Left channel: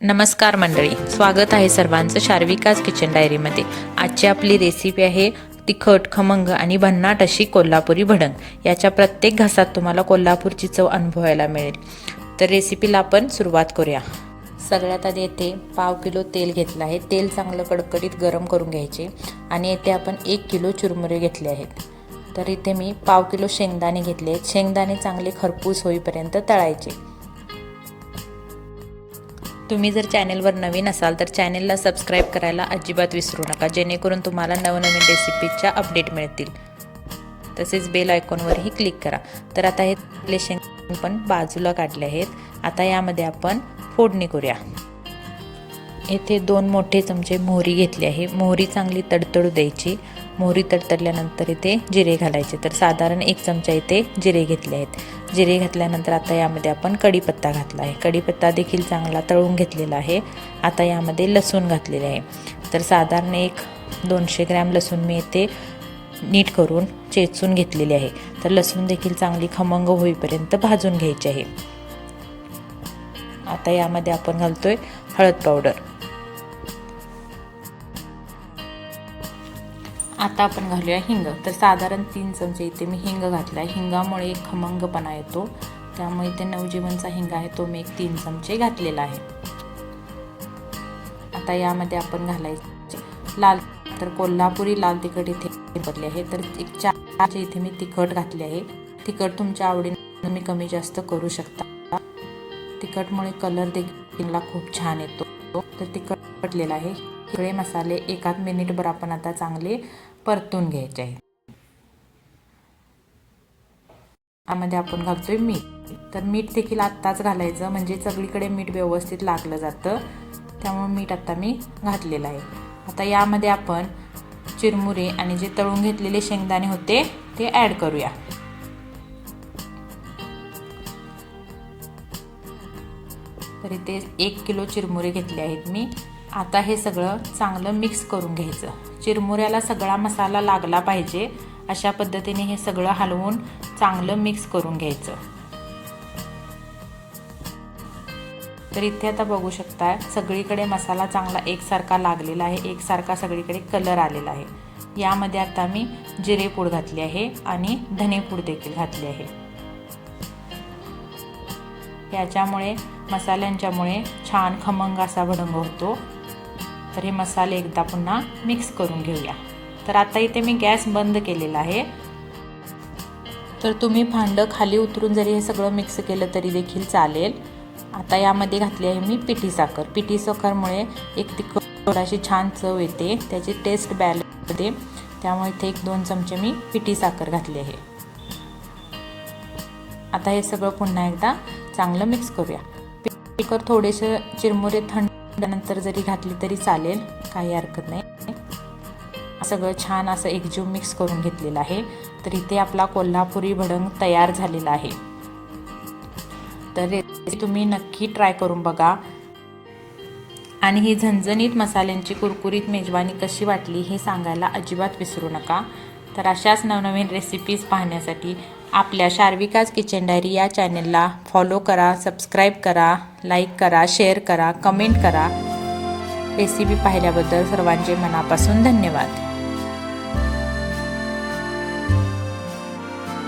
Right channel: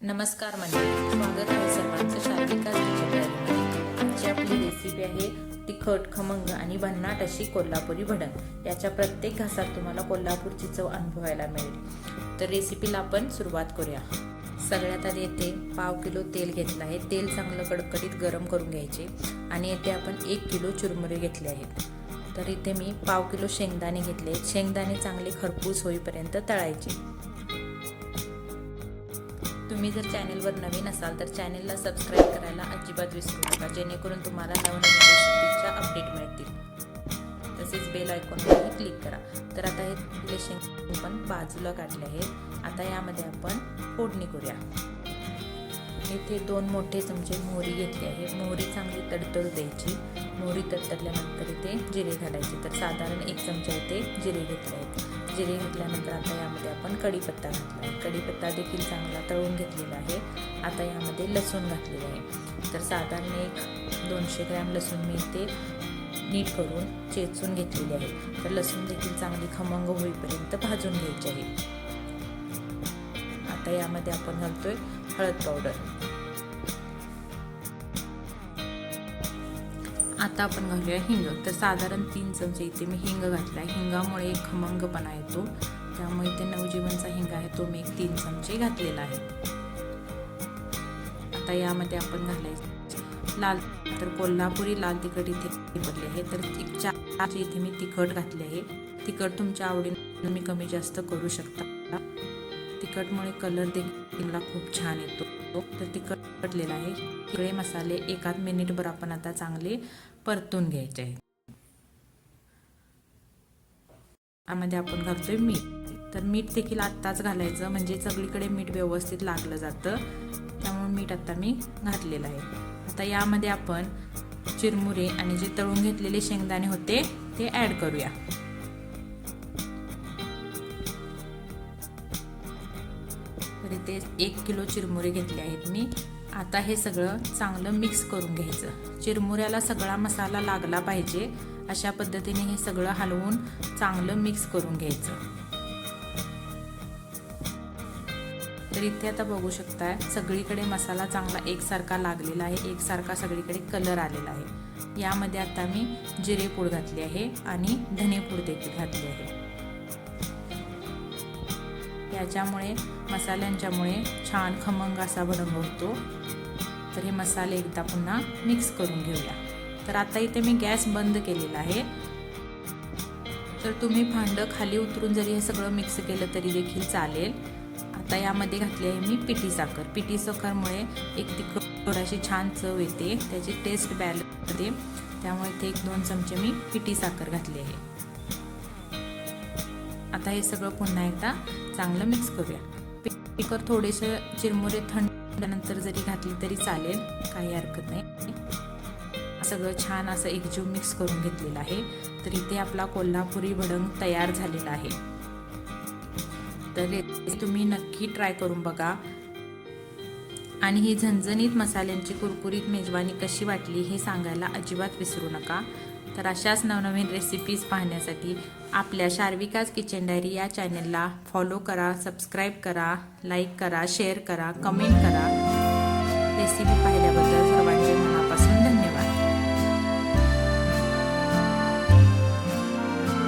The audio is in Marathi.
नमस्कार मंडळी, स्वागत आहे सर्वांचं शार्विकाज किचन डायरीमध्ये। आजची आपली रेसिपी आहे तिखट, खमंग आणि भन्नाट अशी कोल्हापुरी भडंग। याच्या प्रत्येक घासात तुम्हाला कोल्हापूरची चव अनुभवायला मिळेल। तर रेसिपीला आपण सुरुवात करूया। सगळ्यात आधी येथे पाव किलो तेल घेतलं आहे। तेल चांगलं कडकडीत गरम करून घ्यायचे आणि येथे आपण 1 किलो चुरमुरे घेतले आहेत। तर इथे मी पाव किलो शेंगदाणे घेतले आहेत। शेंगदाणे चांगले खरपूस होईपर्यंत तळायचे। तुम्ही जर चॅनलवर नवीन असाल तर चॅनलला सबस्क्राईब करायला अजिबात विसरू नका, जेणेकरून तुम्हाला नवनवीन रेसिपीच्या अपडेट मिळतील। तसेच बेल आयकॉनवरही क्लिक करा। तर आता हे शेंगदाणे पण बाजूला काढले आहेत। आता यामध्ये आपण फोडणी करूया। येथे 2 मोठे चमचे मोहरी घेतली आहे। मोहरी चांगली तडतडू द्यायची। मोहरी तडतडल्यानंतर इथे जिरे घालायचे। तर साधारण 1 चमचा इथे जिरे घेतले आहेत। जिरे घातल्यानंतर आता यामध्ये आपण कढीपत्ता घातला आहे। कढीपत्ता देखील चांगला तळून घेतलेला आहे। आता यामध्ये लसूण घातलेले आहे। तर साधारण 200 ग्रॅम लसूण मी इथे नीट करून चेचून घेतलेले आहे। तर लसूण देखील चांगली खमंग होईपर्यंत भाजून घ्यायचे आहे। आता यामध्ये आपण घालतोय हळद पावडर। आता आपण घालूया हिंग। तर साधारण 3 चमचे इथे मी हिंग घातला आहे। हिंगामुळे एक खमंगपणा येतो, त्यामुळे इथे नवजीवनचा हिंग आहे तो मी 3 चमचे घातलेला आहे। आता यामध्ये आपण घालायचे लाल, तर कोल्हापुरी लाल तिखट इथे वापरले आहे। तर 1 4 इथे मी तिखट घातले आहे। तिखट तुमच्या आवडीने तुम्ही कमी जास्त करू शकता। तिखटमुळे कलर देखील खूप छान येतो। तर तिखट घातलेला आहे। सगळे मसाले 1 मिनिटभर आपण आता चांगले परतून घ्यायचे आहेत। यामध्ये आपण घालतोय मीठ। तर मीठ देखील आत्ताच घालायचं, म्हणजे सगळीकडे मीठ व्यवस्थित लागलं जातं, त्यामुळे मीठ आता मी घातलेलं आहे। आता यामध्ये आपण चिरमुरे आणि जे तळून घेतलेले शेंगदाणे होते ते ॲड करूया। तर इथे 1 किलो चिरमुरे घेतले आहेत मी। आता हे सगळं चांगलं मिक्स करून घ्यायचं। चिरमुऱ्याला सगळा मसाला लागला पाहिजे, अशा पद्धतीने हे सगळं हलवून चांगलं मिक्स करून घ्यायचं। तर इथे आता बघू शकता सगळीकडे मसाला चांगला एकसारखा लागलेला आहे, एकसारखा सगळीकडे कलर आलेला आहे। यामध्ये आता मी जिरेपूड घातली आहे आणि धनेपूड देखील घातली आहे। याच्यामुळे मसाल्यांच्यामुळे छान खमंग असा भडंग होतो। तर हे मसाले एकदा पुन्हा मिक्स करून घेऊया। तर आता इथे मी गॅस बंद केलेला आहे। तर तुम्ही भांडं खाली उतरून जरी हे सगळं मिक्स केलं तरी देखील चालेल। आता यामध्ये घातली आहे मी पिठी साखर। पिठी साखरमुळे एक तिखट थोडीशी छान चव येते, त्याची टेस्ट बॅलन्स होते, त्यामुळे इथे 1-2 चमचे मी पिठी साखर घातली आहे। आता हे सगळं पुन्हा एकदा चांगलं मिक्स करूया। पिठीवर थोडेसे चिरमुरे थंडनंतर जरी घातली तरी चालेल, काही हरकत नाही। सगळं छान असं एकजीव मिक्स करून घेतलेलं आहे। तर इथे आपला कोल्हापुरी भडंग तयार झालेला आहे। तर तुम्ही नक्की ट्राय करून बघा। आणि ही झणझणीत मसाल्यांची कुरकुरीत मेजवानी कशी वाटली हे सांगायला अजिबात विसरू नका। तर अशाच नवनवीन रेसिपीज पाहण्यासाठी आपल्या शार्विकाज किचन डायरी या चॅनलला फॉलो करा, सबस्क्राईब करा, लाईक करा, शेअर करा, कमेंट करा। रेसिपी पाहिल्याबद्दल सर्वांचे मनापासून धन्यवाद।